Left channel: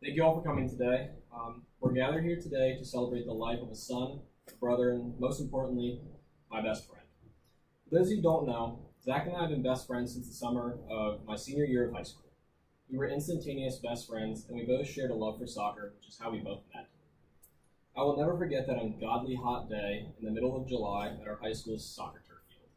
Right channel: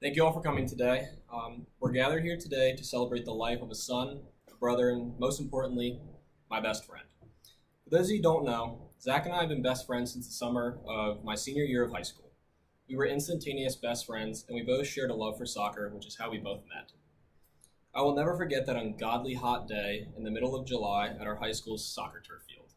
Thank you all for coming today. We're gathered here today to celebrate the life of a son, a brother, and most importantly, my best friend. For those of you who don't know, Zach and I have been best friends since the summer of my senior year of high school. We were instantaneous best friends, and we both shared a love for soccer, which is how we both met. I will never forget that ungodly hot day in the middle of July at our high school's soccer turf field.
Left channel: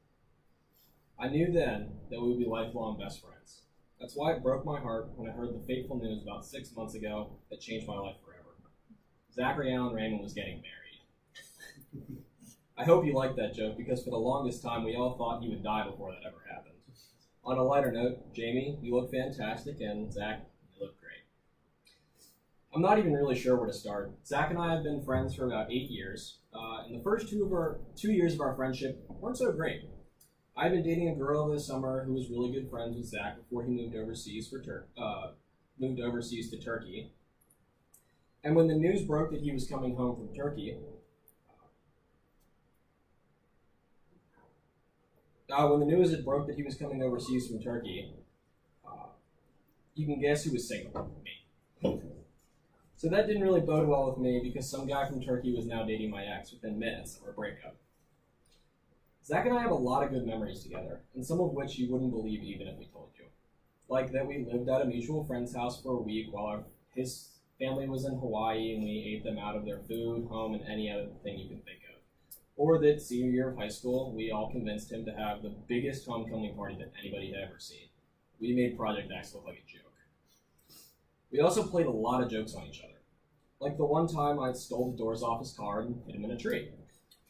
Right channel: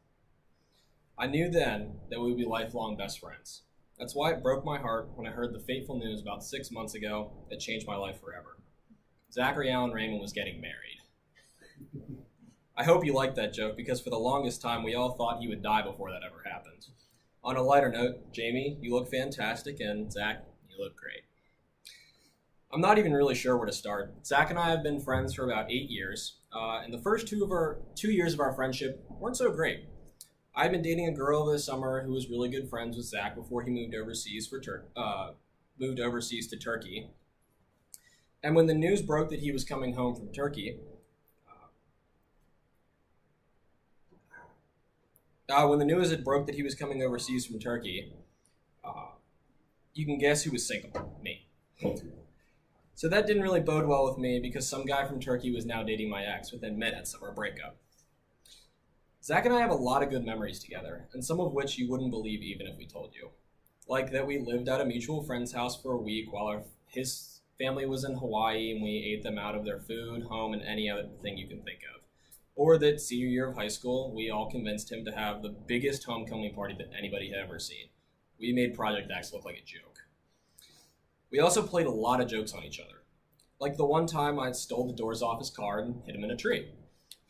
I knew then that we would be lifelong best friends. That's why it broke my heart when I heard the fateful news about 6 months ago that changed my life forever. Zachary Allen Raymond was getting married. I hope you liked that joke because for the longest time we all thought he would die before that ever happened. On a lighter note, Jamie, you look fantastic, and Zach, you look great. I'm not even really sure where to start. Zach and I have been friends for about 8 years, and the first 2 years of our friendship weren't so great. I'd been dating a girl this summer who was really good friends with Zach before he moved overseas to Turkey. And when the news broke that he was coming home from Turkey, when the news had broke that he was coming overseas from Turkey, you can guess who was single? Me. So that didn't really bode well with me because some guy from Turkey was now dating my ex within minutes of our breakup. Zach and I have a lot of good memories together, and some of which you wouldn't believe even if we told you. Like that we lived at a mutual friend's house for a week while his family was in Hawaii and we ate them out of their food, home, and any other thing you can think of. Or that senior year of high school, we all convinced him to have the biggest homecoming party that anybody had ever seen. We made Project X look like a joke. We also played a lot of jokes on each other. Like the one time I stole the doors off his car and hid him in a tree.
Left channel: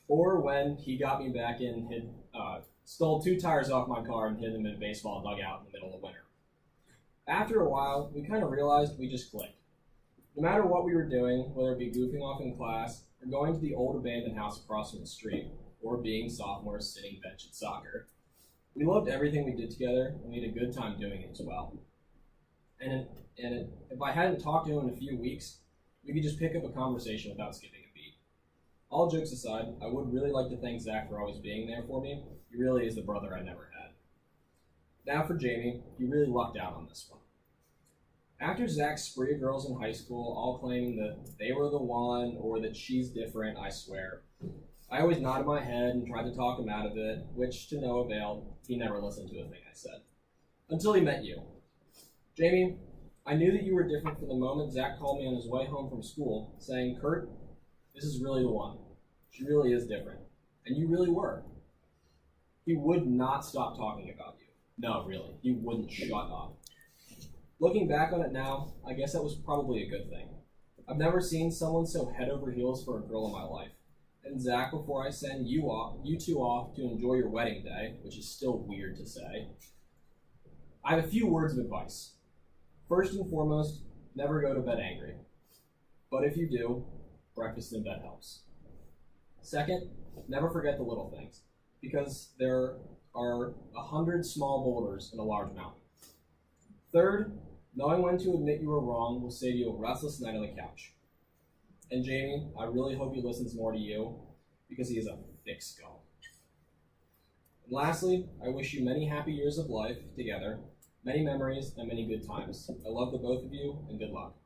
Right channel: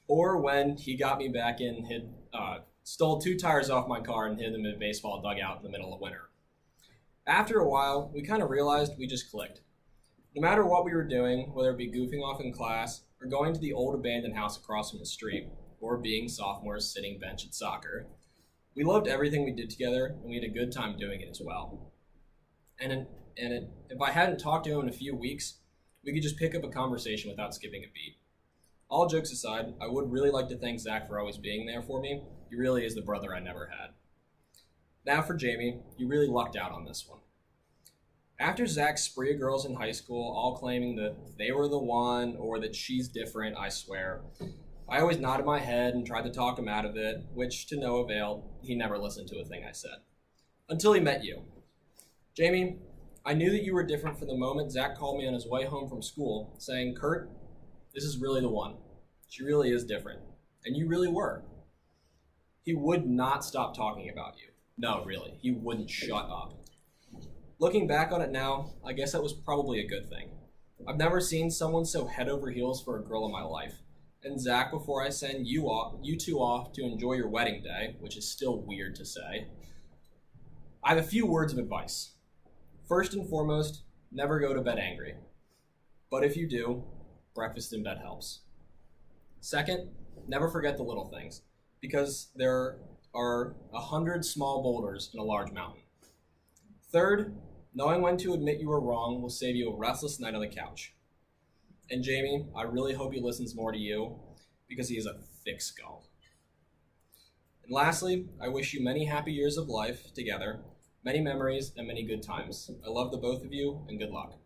Or when he got me back in, stole 2 tires off my car and hid them in a baseball dugout in the middle of winter. After a while, we kind of realized we just clicked. No matter what we were doing, whether it be goofing off in class, or going to the old abandoned house across from the street, or being sophomores sitting bench at soccer, we loved everything we did together, and we had a good time doing it as well. If I hadn't talked to him in a few weeks, we could just pick up a conversation without skipping a beat. All jokes aside, I would really like to thank Zach for always being there for me. He really is the brother I never had. Now for Jamie, you really lucked out on this one. After Zach's spree of girls in high school, all claiming that they were the one or that she's different, I swear, I always nodded my head and tried to talk him out of it, which to no avail, he never listened to a thing I said. Until he met you. Jamie, I knew that you were different from the moment Zach called me on his way home from school, saying, "Kurt, this is really the one. She really is different." And you really were. He would not stop talking about you. No, really, he wouldn't shut up. Looking back on it now, I guess that was probably a good thing. I've never seen someone so head over heels for a girl in my life. And Zach, before I send you two off to enjoy your wedding day, which is still weird to say, I have a few words of advice. First and foremost, never go to bed angry. But if you do, breakfast in bed helps. Second, never forget the little things, because there are 100 small boulders in a large mountain. Third, knowing when to admit you were wrong will save you a restless night on the couch. And Jamie, I really hope he listens more to you, because he is a thick skull. And lastly, I wish you many happy years of life together, many memories, and many good times. I love the both of you, and good luck.